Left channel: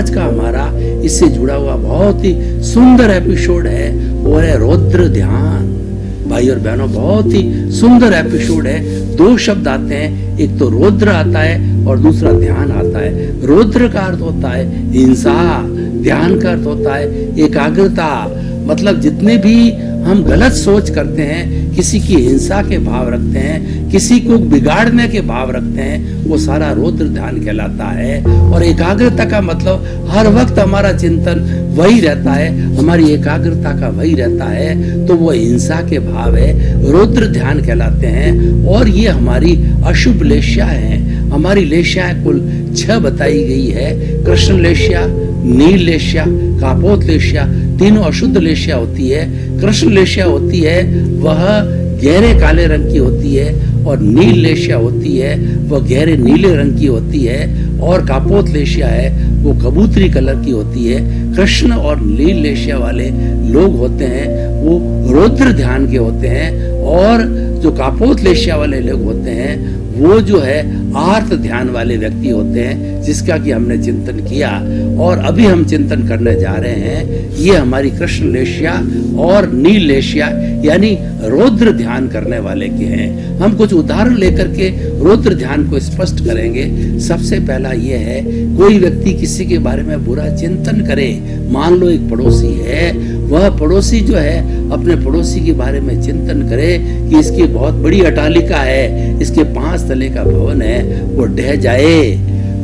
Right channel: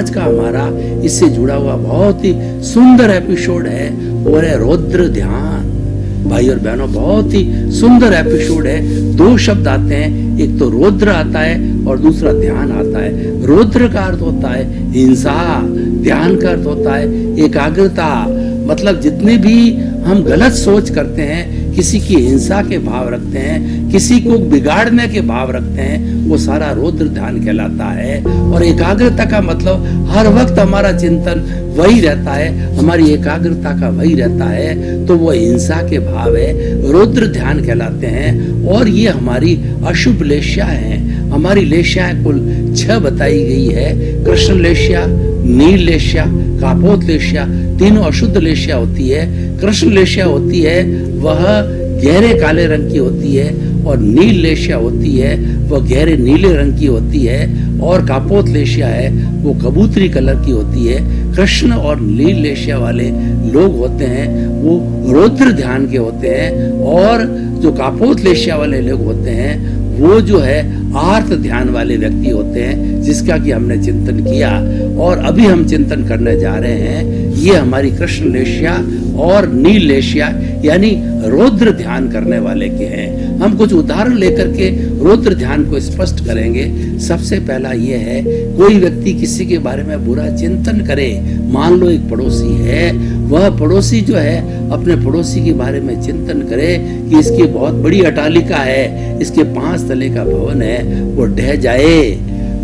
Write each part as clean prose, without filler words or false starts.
आज का हमारा इससे जुड़ा हुआ बहुत ही सुंदर एपिसोड है, वो है रौद्र ध्यान। भाई और बहनों, बहुत ही सुंदर एपिसोड है। दो शब्द आते हैं, एक तो रौद्र आता है और दूसरा ध्यान आता है। रौद्र का अर्थ होता है हिंसा, ध्यान का अर्थ होता है एकाग्रता। मतलब जितने भी हम गलत सोच करते हैं, किसी की हिंसा के भाव रखते हैं, किसी को बिगाड़ने के भाव रखते हैं, वो सारा रौद्र ध्यान कहलाता है। और एकाग्रता का मतलब हर वक्त हमारा चिंतन वही रहता है, हमारी एकाग्रता का वही रहता है, तो वो हिंसा के भाव है, रौद्र ध्यान कहलाते हैं। और ये हमारी अशुभ लेश्या है। हमारी लेश्याएं कुल 6 बताई गई है। कृष्ण लेश्या, नील लेश्या, कापोत लेश्या, तीनों अशुद्ध लेश्या होती है। कृष्ण लेश्या होती है वह गहरे काले रंग की होती है, और नील लेश्या होती है वह गहरे नीले रंग की होती है, और कापोत लेश्या है वो कबूतरी कलर की होती है। कृष्ण और नील लेश्या वाले लोग होते हैं वो रौद्र ध्यान के होते हैं, और जो कापोत लेश्या वाले लोग होते हैं वो जो है आर्त ध्यान वाले व्यक्ति होते हैं, जिसका कि हमने चिंतन किया और अभी हम चिंतन करने जा रहे हैं। ये हमारी कृष्ण लेश्या और नील लेश्या यानी रौद्र ध्यान करने वाले के हैं। हम कुछ उदाहरण लेकर के रौद्र ध्यान को स्पष्ट करेंगे। सबसे पहला ये है, कोई व्यक्ति किसी के बारे में बुरा चिंतन करे। मान लो एक पड़ोसी है, वह पड़ोसी जो है अपने पड़ोसी के बारे में चिंतन करे कि इसकी बहुत बड़ी अटालिका है, इसके 5 तले का भवन है, वो ढह जाए,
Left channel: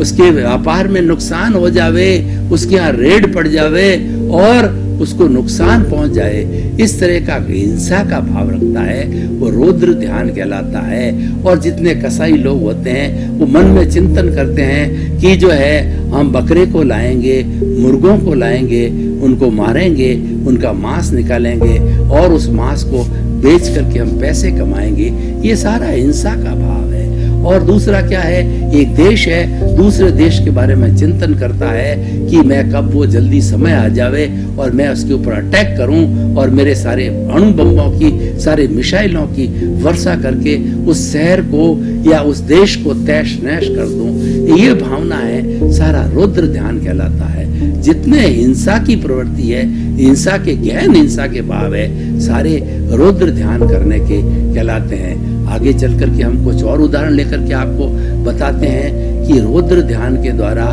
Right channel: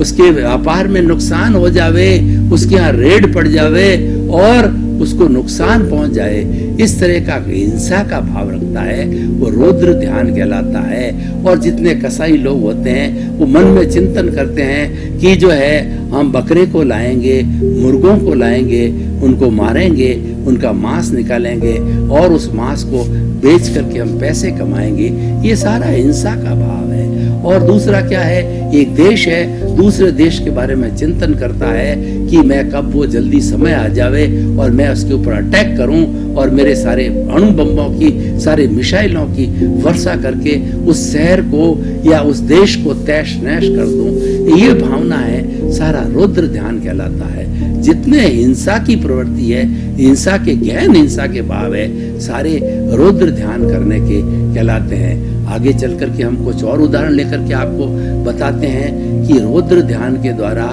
उसके व्यापार में नुकसान हो जावे, उसके यहाँ रेड पड़ जावे और उसको नुकसान पहुंच जाए, इस तरह का हिंसा का भाव रखता है, वो रौद्र ध्यान कहलाता है। और जितने कसाई लोग होते हैं वो मन में चिंतन करते हैं कि जो है हम बकरे को लाएंगे, मुर्गों को लाएंगे, उनको मारेंगे, उनका मांस निकालेंगे और उस मांस को बेच करके हम पैसे कमाएंगे। ये सारा हिंसा का भाव है। और दूसरा क्या है, एक देश है, दूसरे देश के बारे में चिंतन करता है कि मैं कब वो जल्दी समय आ जावे और मैं उसके ऊपर अटैक करूं और मेरे सारे अणु बम्बों की, सारे मिसाइलों की वर्षा करके उस शहर को या उस देश को तैश नैश कर दूं। ये भावना है, सारा रौद्र ध्यान कहलाता है। जितने हिंसा की प्रवृत्ति है, हिंसा के गहन हिंसा के भाव है, सारे रौद्र ध्यान करने के कहलाते हैं। आगे चल करके हम कुछ और उदाहरण लेकर के आपको बताते हैं कि रौद्र ध्यान के द्वारा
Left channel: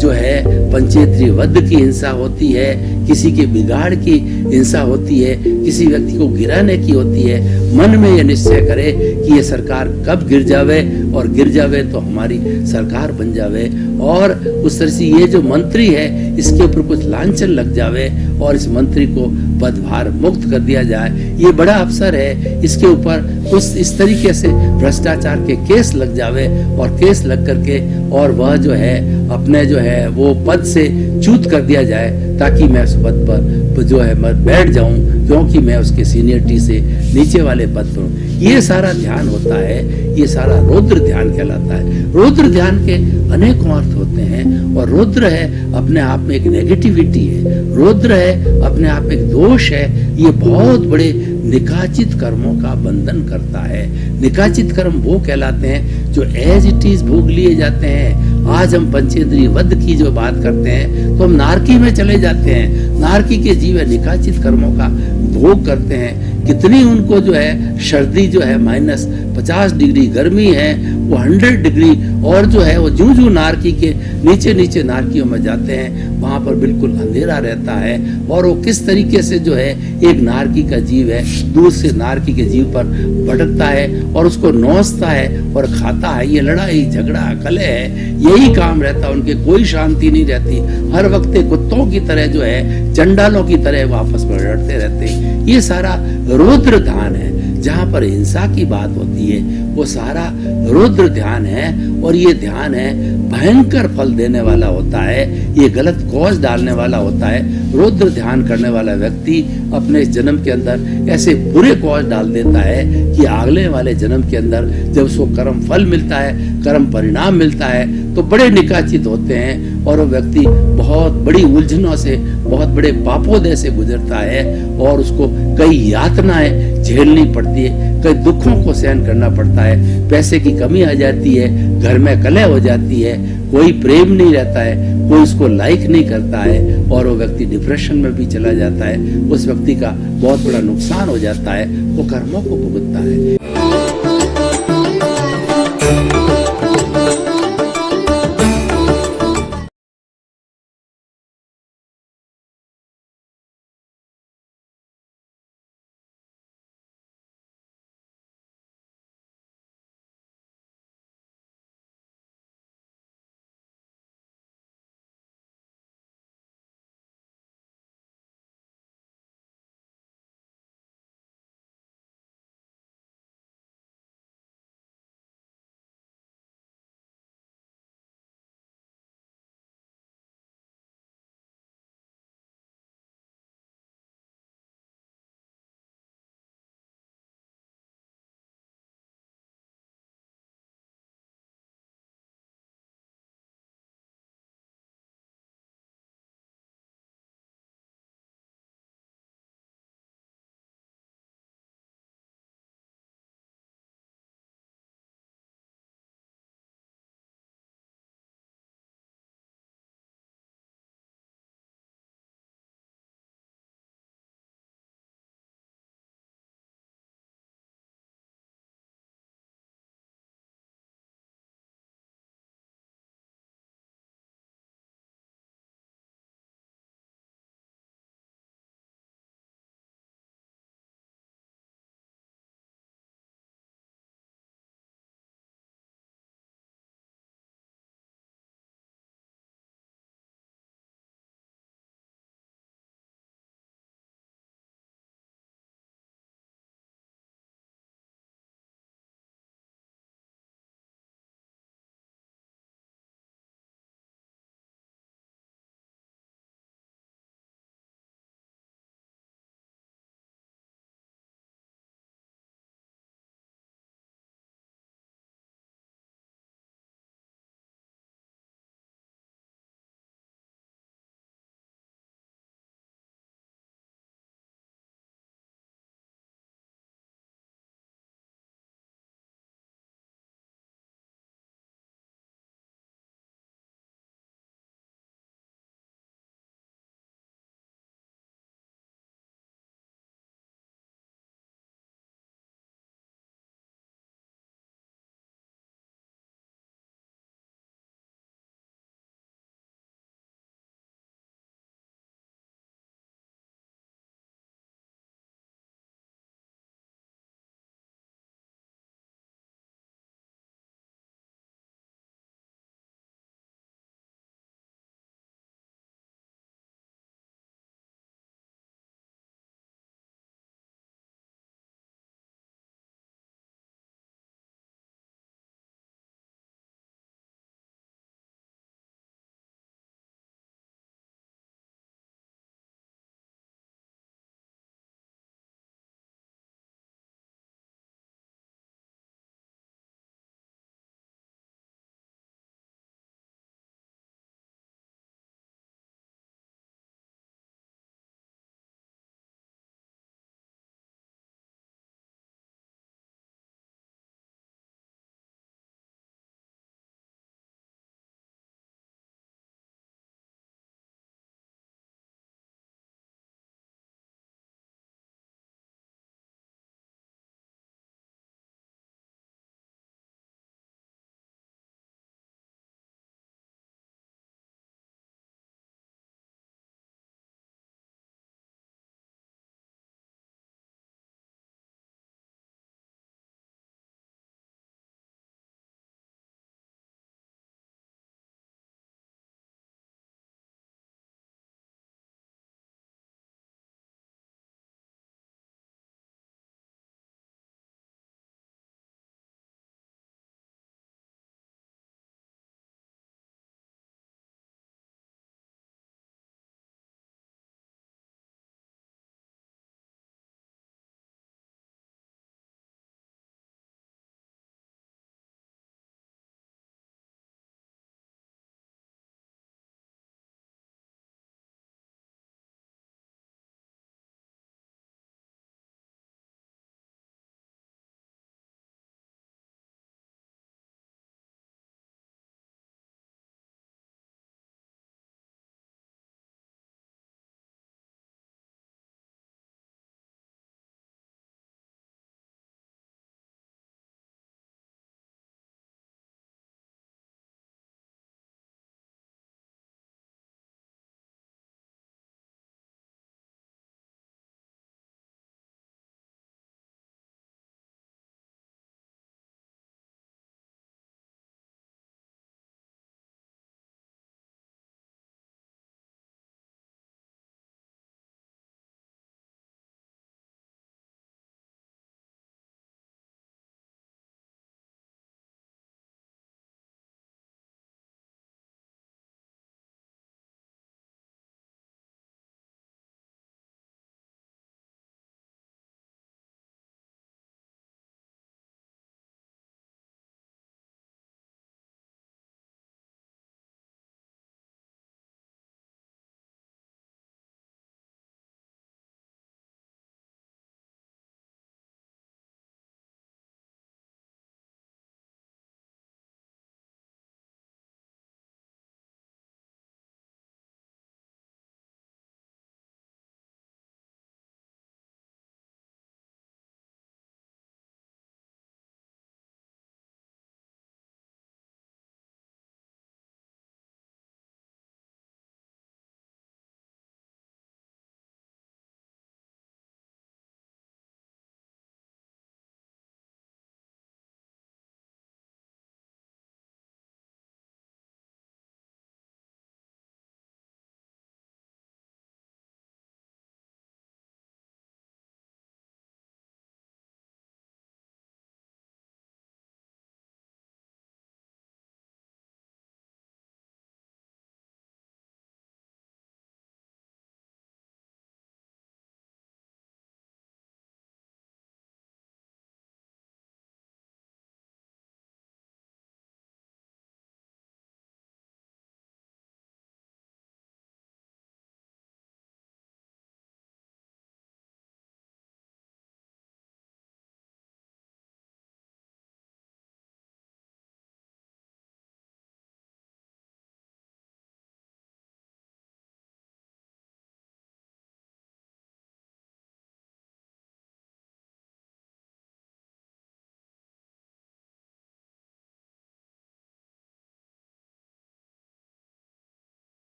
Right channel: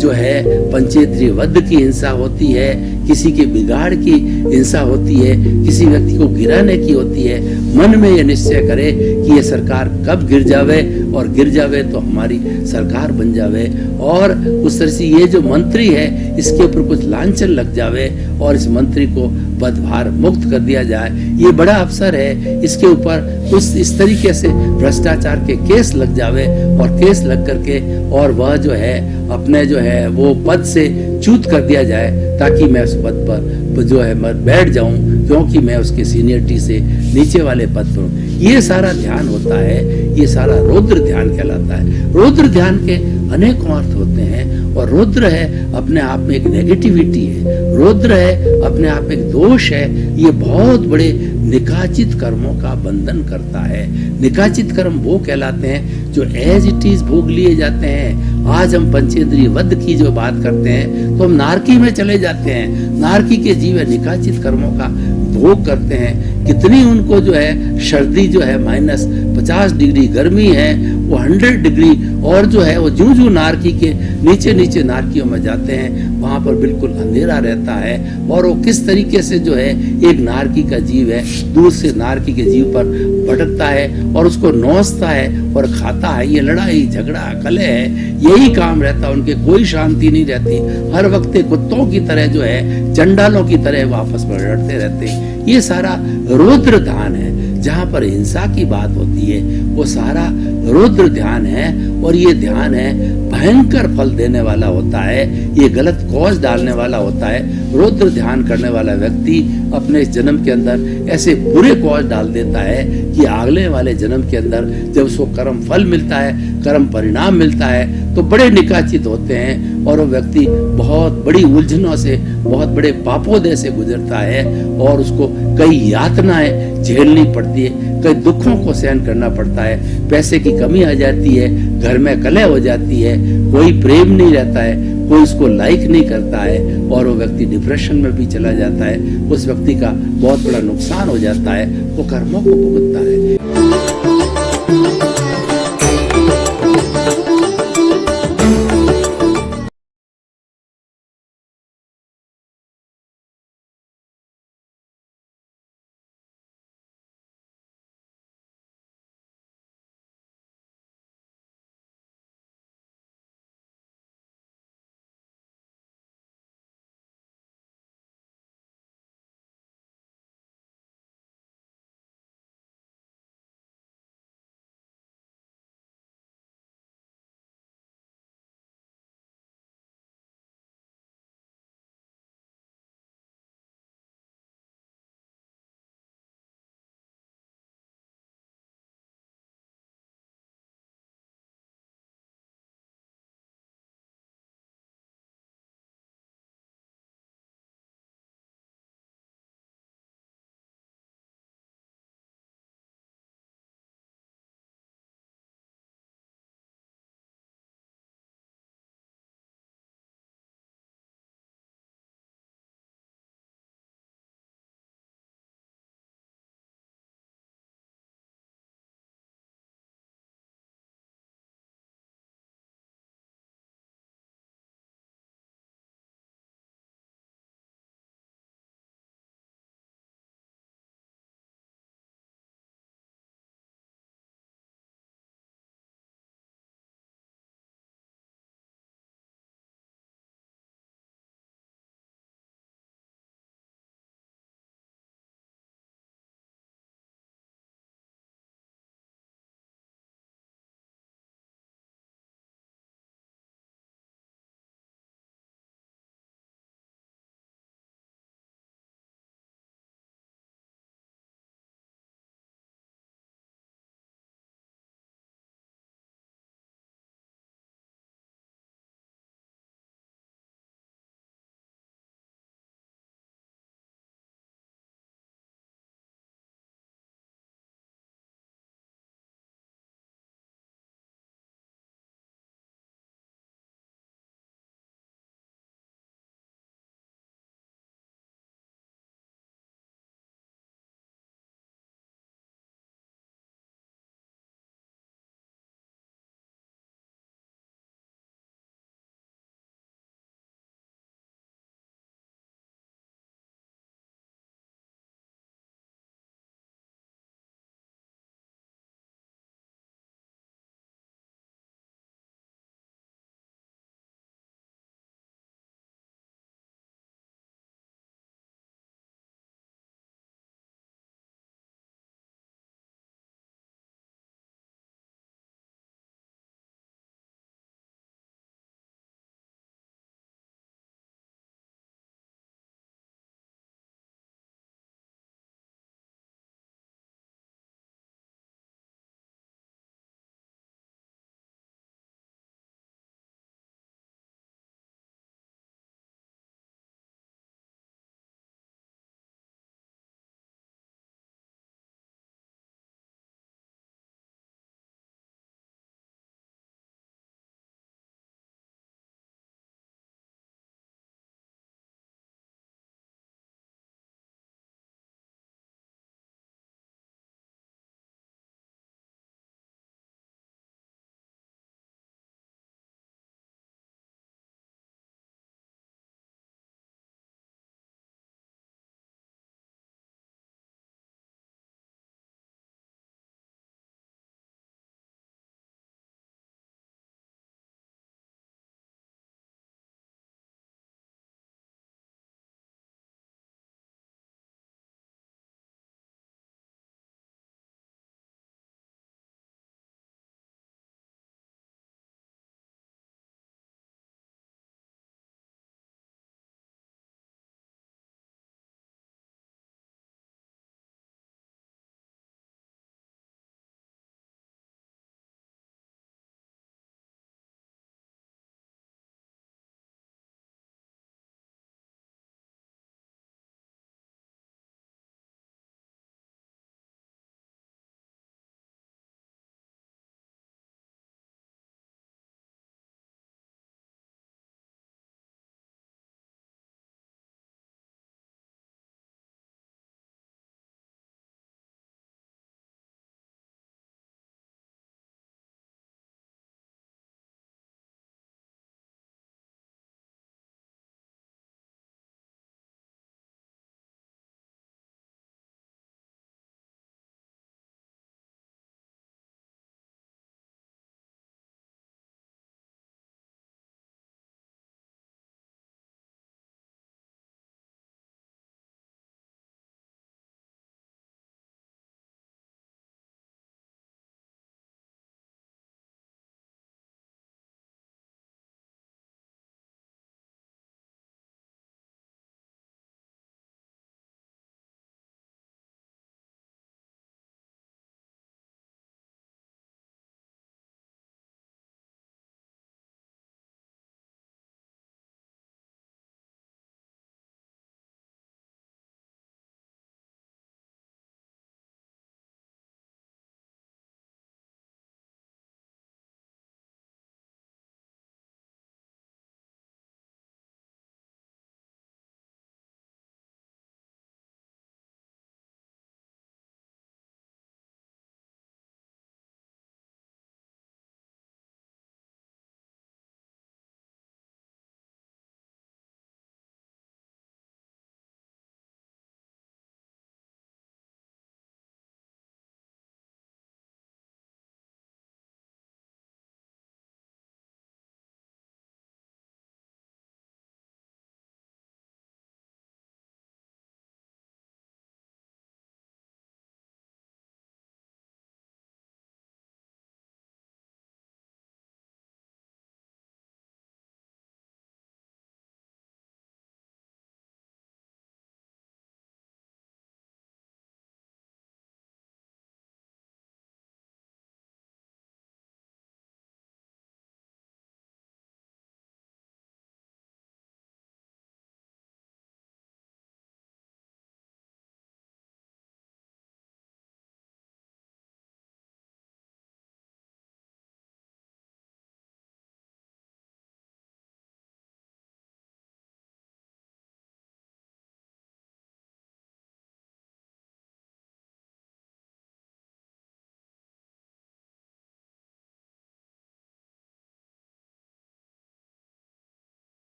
जो है पंचेंद्रिय वध की हिंसा होती है, किसी के बिगाड़ की हिंसा होती है, किसी व्यक्ति को गिराने की होती है। मन में यह निश्चय करे कि ये सरकार कब गिर जावे और गिर जावे तो हमारी सरकार बन जावे, और उस तरह से ये जो मंत्री है इसके ऊपर कुछ लांछन लग जावे और इस मंत्री को पदभार मुक्त कर दिया जाए। ये बड़ा अफसर है, इसके ऊपर कुछ इस तरीके से भ्रष्टाचार के केस लग जावे और केस लग करके और वह जो है अपने जो है वो पद से च्युत कर दिया जाए, ताकि मैं उस पद पर जो है मैं बैठ जाऊं, क्योंकि मैं उसके सीनियरिटी से नीचे वाले पद पर हूं। ये सारा ध्यान होता है, ये सारा रौद्र ध्यान कहलाता है। रौद्र ध्यान के अनेकों अर्थ होते हैं, और रौद्र है अपने आप में एक नेगेटिविटी है, रौद्र है अपने आप में एक दोष है। ये बहुत बड़े निकाचित कर्मों का बंधन करता है। निकाचित कर्म वो कहलाते हैं जो एज इट इज भोग लिए जाते हैं। आज हम पंचेंद्रिय वध की जो बात करते हैं तो हम नारकी में चले जाते हैं। नारकी के जीव निकाचित कर्मों का भोग करते हैं। कितनी उनको जो है सर्दी जो है -50 डिग्री, गर्मी है वो 100 डिग्री, और जो है वो जूं जूं नारकी के नीचे नीचे नारकियों में जाते हैं वहां पर बिल्कुल अंधेरा रहता है। और वो किस तरीके से जो है एक नारकी का जीव है दूसरे नारकी के जीव पर भटकता है और उसको नोचता है और खाता है। ये लड़ाई झगड़ा कलह है, यही काम रहता है उनके, कोई शांति नहीं रहती। हर वक्त कुत्तों की तरह जो है, चंडालों की तरह वो आपस में लड़ते रहते हैं। ये सारा रौद्र ध्यान है। जहाँ पर हिंसा की बात होती है वो सारा रौद्र ध्यान है, और ये ध्यान है भयंकर फल देने वाला होता है, ये गलत कॉज डालने वाला होता है। रौद्र ध्यान करने वाला व्यक्ति अपने जन्म के अंदर ऐसे बुरे कॉज डाल देता है कि अगले वाले जन्म के अंदर जब उसको कर्म फल मिलता है कर्म परिणाम मिलता है तो बड़े निकाचित होते हैं और वो व्यक्ति बहुत बड़ी उलझनों से, बहुत बड़े पापोदय से गुजरता है और उसको कई यातनाएं झेलनी पड़ती है, कई दुखों को सहन करना पड़ता है, पैसे की कमी आ जाती है, घर में कलह हो जाती है, कोई प्रेम नहीं रहता है, कोई उसको लाइक नहीं करता है और वो व्यक्ति डिप्रेशन में भी चला जाता है। उस व्यक्ति का बहुत बड़ा नुकसान हो जाता है, वो कर्मों को भुगतता है।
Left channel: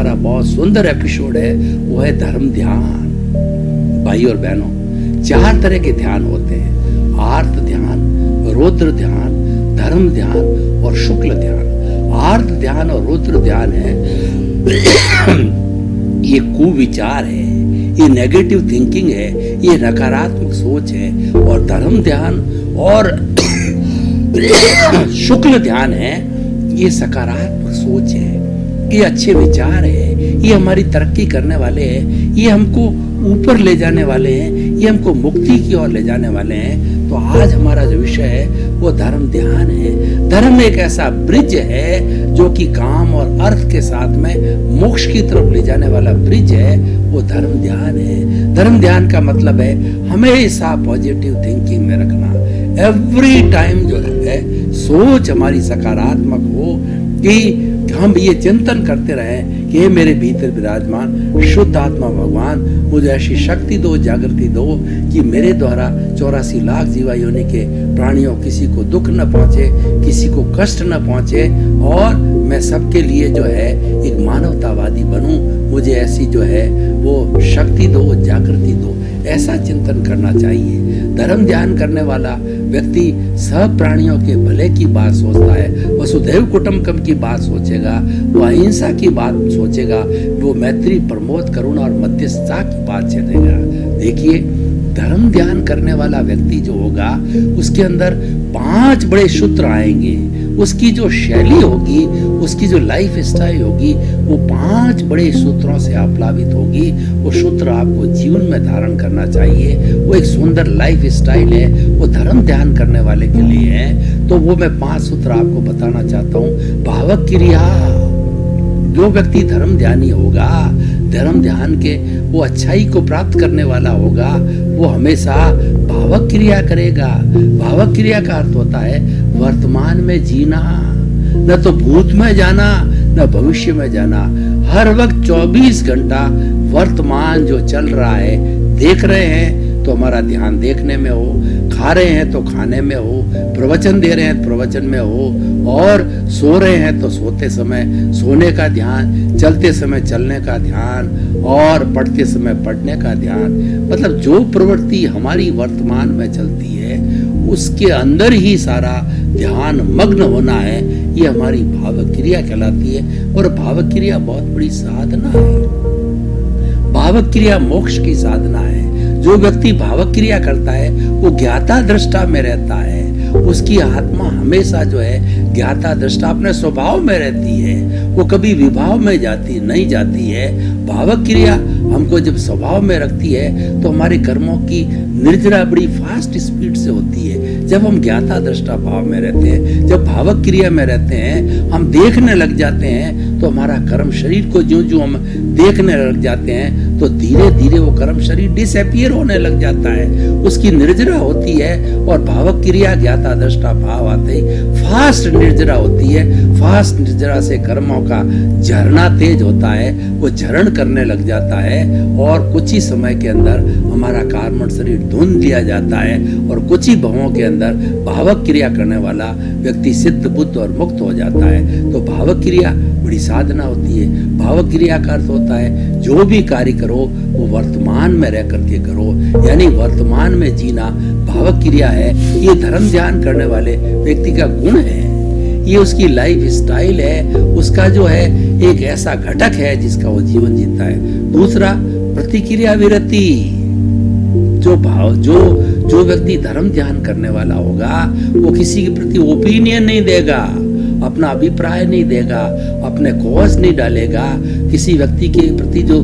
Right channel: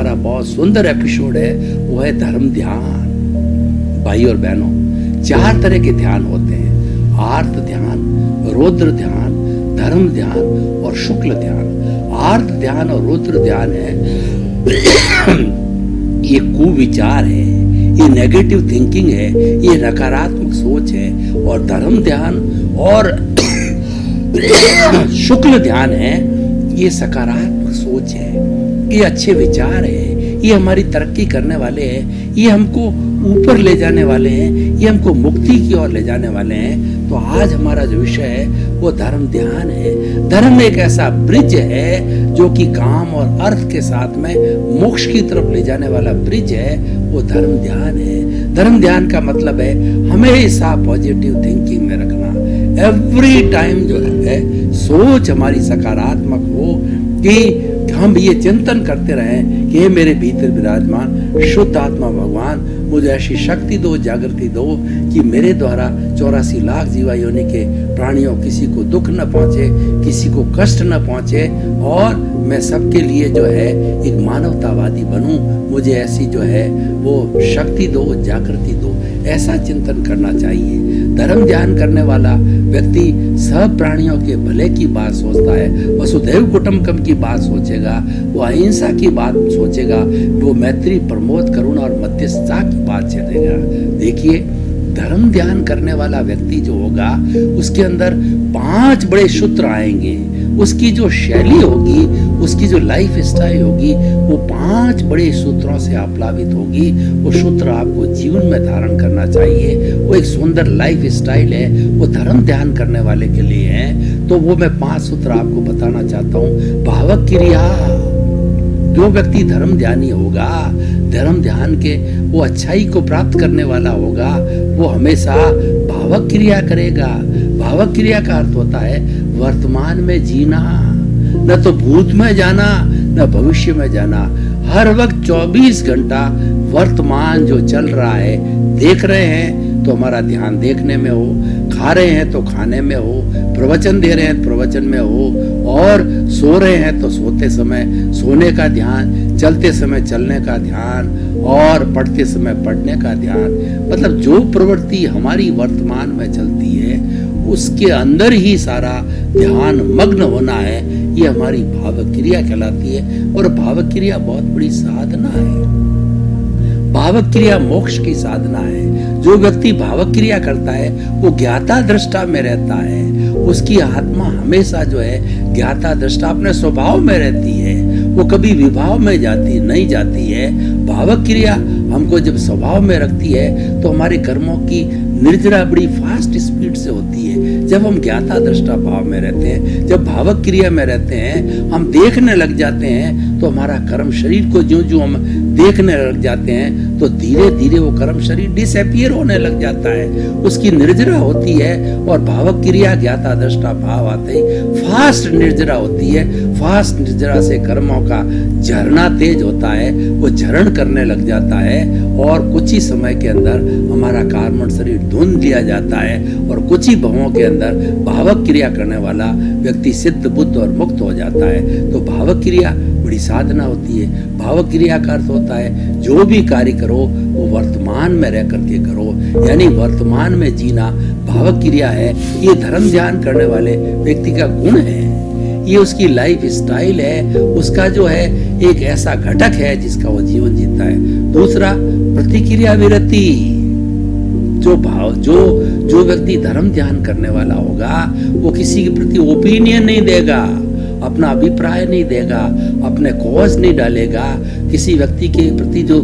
हमारा बहुत सुंदर एपिसोड है, वो है धर्म ध्यान। भाई और बहनों, 4 तरह के ध्यान होते हैं: आर्त ध्यान, रौद्र ध्यान, धर्म ध्यान और शुक्ल ध्यान। आर्त ध्यान और रौद्र ध्यान है ये कुविचार है, ये नेगेटिव थिंकिंग है, ये नकारात्मक सोच है। और धर्म ध्यान और शुक्ल ध्यान है, ये सकारात्मक सोच है, ये अच्छे विचार है, ये हमारी तरक्की करने वाले हैं, ये हमको ऊपर ले जाने वाले हैं, ये हमको मुक्ति की ओर ले जाने वाले हैं। तो आज हमारा जो विषय है वो धर्म ध्यान है। धर्म एक ऐसा ब्रिज है जो कि काम और अर्थ के साथ में मोक्ष की तरफ ले जाने वाला ब्रिज है, वो धर्म ध्यान है। धर्म ध्यान का मतलब है हमेशा पॉजिटिव थिंकिंग में रखना। एवरी टाइम जो है सोच हमारी सकारात्मक हो कि हम ये चिंतन करते रहें कि मेरे भीतर विराजमान शुद्ध आत्मा भगवान मुझे ऐसी शक्ति दो, जागृति दो कि मेरे द्वारा 84 लाख जीवा योनि के प्राणियों किसी को दुख न पहुंचे, किसी को कष्ट न पहुंचे और मैं सबके लिए जो है एक मानवतावादी बनूं। मुझे ऐसी जो है वो शक्ति दो, जागृति दो, ऐसा चिंतन करना चाहिए। धर्म ध्यान करने वाला व्यक्ति सब प्राणियों के भले की बात सोचता है, वसुधैव कुटुंबकम की बात सोचेगा, वो अहिंसा की बात सोचेगा, वो मैत्री, प्रमोद, करुणा और मध्यस्थता की बात छेड़ेगा। देखिए, धर्म ध्यान करने वाला व्यक्ति जो होगा उसके अंदर 5 बड़े सूत्र आएंगे। उसकी जो शैली होगी, उसकी जो लाइफ स्टाइल होगी, वो 5 बड़े सूत्रों से आप्लावित होगी। वो सूत्र आपको जीवन में धारण करना चाहिए। वो एक सुंदर लाइफ स्टाइल है, वो धर्म ध्यान करने वाले के लिए है। तो वो मैं 5 सूत्र आपको बताना चाहता हूँ। भावक क्रिया, जो व्यक्ति धर्म ध्यानी होगा, धर्म ध्यान के वो अच्छाई को प्राप्त करने वाला होगा, वो हमेशा भावक क्रिया करेगा। भावक क्रिया का अर्थ होता है वर्तमान में जीना, न तो भूत में जाना न भविष्य में जाना। हर वक्त 24 घंटा वर्तमान जो चल रहा है देख रहे हैं तो हमारा ध्यान देखने में हो, खा रहे हैं तो खाने में हो, प्रवचन दे रहे हैं तो प्रवचन में हो, और सो रहे हैं तो सोते समय सोने का ध्यान, चलते समय चलने का ध्यान और पढ़ते समय पढ़ने का ध्यान। मतलब जो प्रवृत्ति हमारी वर्तमान में चलती है उसके अंदर ही सारा ध्यान मग्न होना है। ये हमारी भावक क्रिया कहलाती है और भावक क्रिया बहुत बड़ी साधना है। भावक क्रिया मोक्ष की साधना है। जो व्यक्ति भावक क्रिया करता है वो ज्ञाता दृष्टा में रहता है। उसकी आत्मा हमेशा जो है ज्ञाता दृष्टा अपने स्वभाव में रहती है, वो कभी विभाव में नहीं जाती है। भावक क्रिया हमको जब स्वभाव में रखती है तो हमारे कर्मों की निर्जरा बड़ी फास्ट स्पीड से होती है। जब हम ज्ञाता दृष्टा भाव में रहते हैं, जब भावक क्रिया में रहते हैं, हम देखने लग जाते हैं तो हमारा कर्म शरीर को जो हम देखने लग जाते हैं तो धीरे धीरे वो कर्म शरीर डिसअपियर होने लग जाता है, उसकी निर्जरा होती है। और भावक क्रिया ज्ञाता दृष्टा भाव आते ही फास्ट निर्जरा होती है। फास्ट निर्जरा से कर्मों का झरना तेज होता है, वो झरण करने लग जाता है और कुछ ही समय के अंदर हमारा कार्बन शरीर धुंध लिया जाता है और कुछ ही भवों के अंदर भावक क्रिया करने वाला व्यक्ति सिद्ध बुद्ध और मुक्त हो जाता है। तो भावक क्रिया बड़ी साधना होती है। भावक क्रिया का अर्थ होता है जो भी कार्य करो वो वर्तमान में रह करके करो, यानी वर्तमान में जीना भावक क्रिया है। ये धर्म ध्यान करने वाले व्यक्ति का गुण है, ये उसकी लाइफ स्टाइल है, उसका जो है एक ऐसा घटक है जिसका वो जीवन जीता है। दूसरा, प्रतिक्रिया विरति। जो व्यक्ति धर्म ध्यान करने वाला होगा वो किसी के प्रति ओपिनियन नहीं देगा, अपना अभिप्राय नहीं देगा, अपने कॉज नहीं डालेगा। किसी व्यक्ति के प्रति जो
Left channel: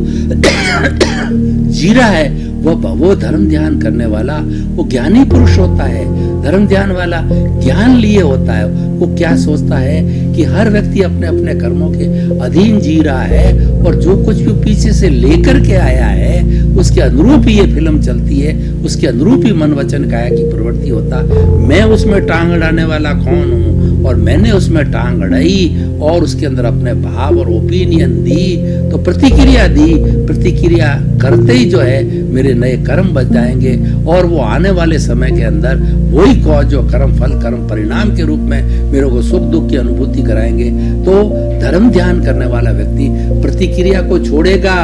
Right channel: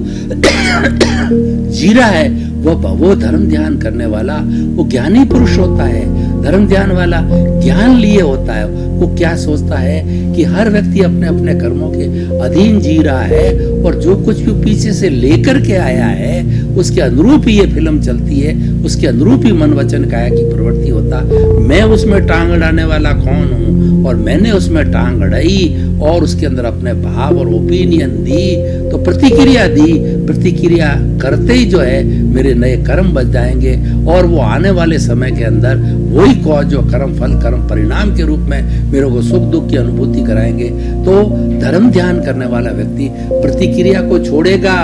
जी रहा है वो धर्म ध्यान करने वाला वो ज्ञानी पुरुष होता है। धर्म ध्यान वाला ज्ञान लिए होता है। वो क्या सोचता है कि हर व्यक्ति अपने अपने कर्मों के अधीन जी रहा है और जो कुछ भी पीछे से लेकर के आया है उसके अनुरूप ही ये फिल्म चलती है, उसके अनुरूप ही मन वचन काया की प्रवृत्ति होता। मैं उसमें टांग अड़ाने वाला कौन हूँ और मैंने उसमें टांग अड़ाई और उसके अंदर अपने भाव और ओपिनियन दी, तो प्रतिक्रिया दी। प्रतिक्रिया करते ही जो है मेरे नए कर्म बच जाएंगे और वो आने वाले समय के अंदर वही कॉज जो कर्म फल कर्म परिणाम के रूप में मेरे को सुख दुख की अनुभूति कराएंगे। तो धर्म ध्यान करने वाला व्यक्ति प्रतिक्रिया को छोड़ेगा,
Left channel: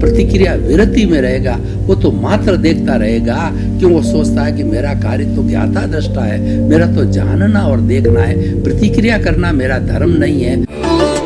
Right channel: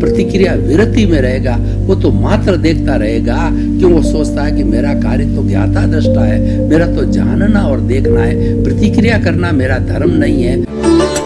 प्रतिक्रिया विरति में रहेगा। वो तो मात्र देखता रहेगा, क्यों वो सोचता है कि मेरा कार्य तो ज्ञाता दृष्टा है, मेरा तो जानना और देखना है, प्रतिक्रिया करना मेरा धर्म नहीं है।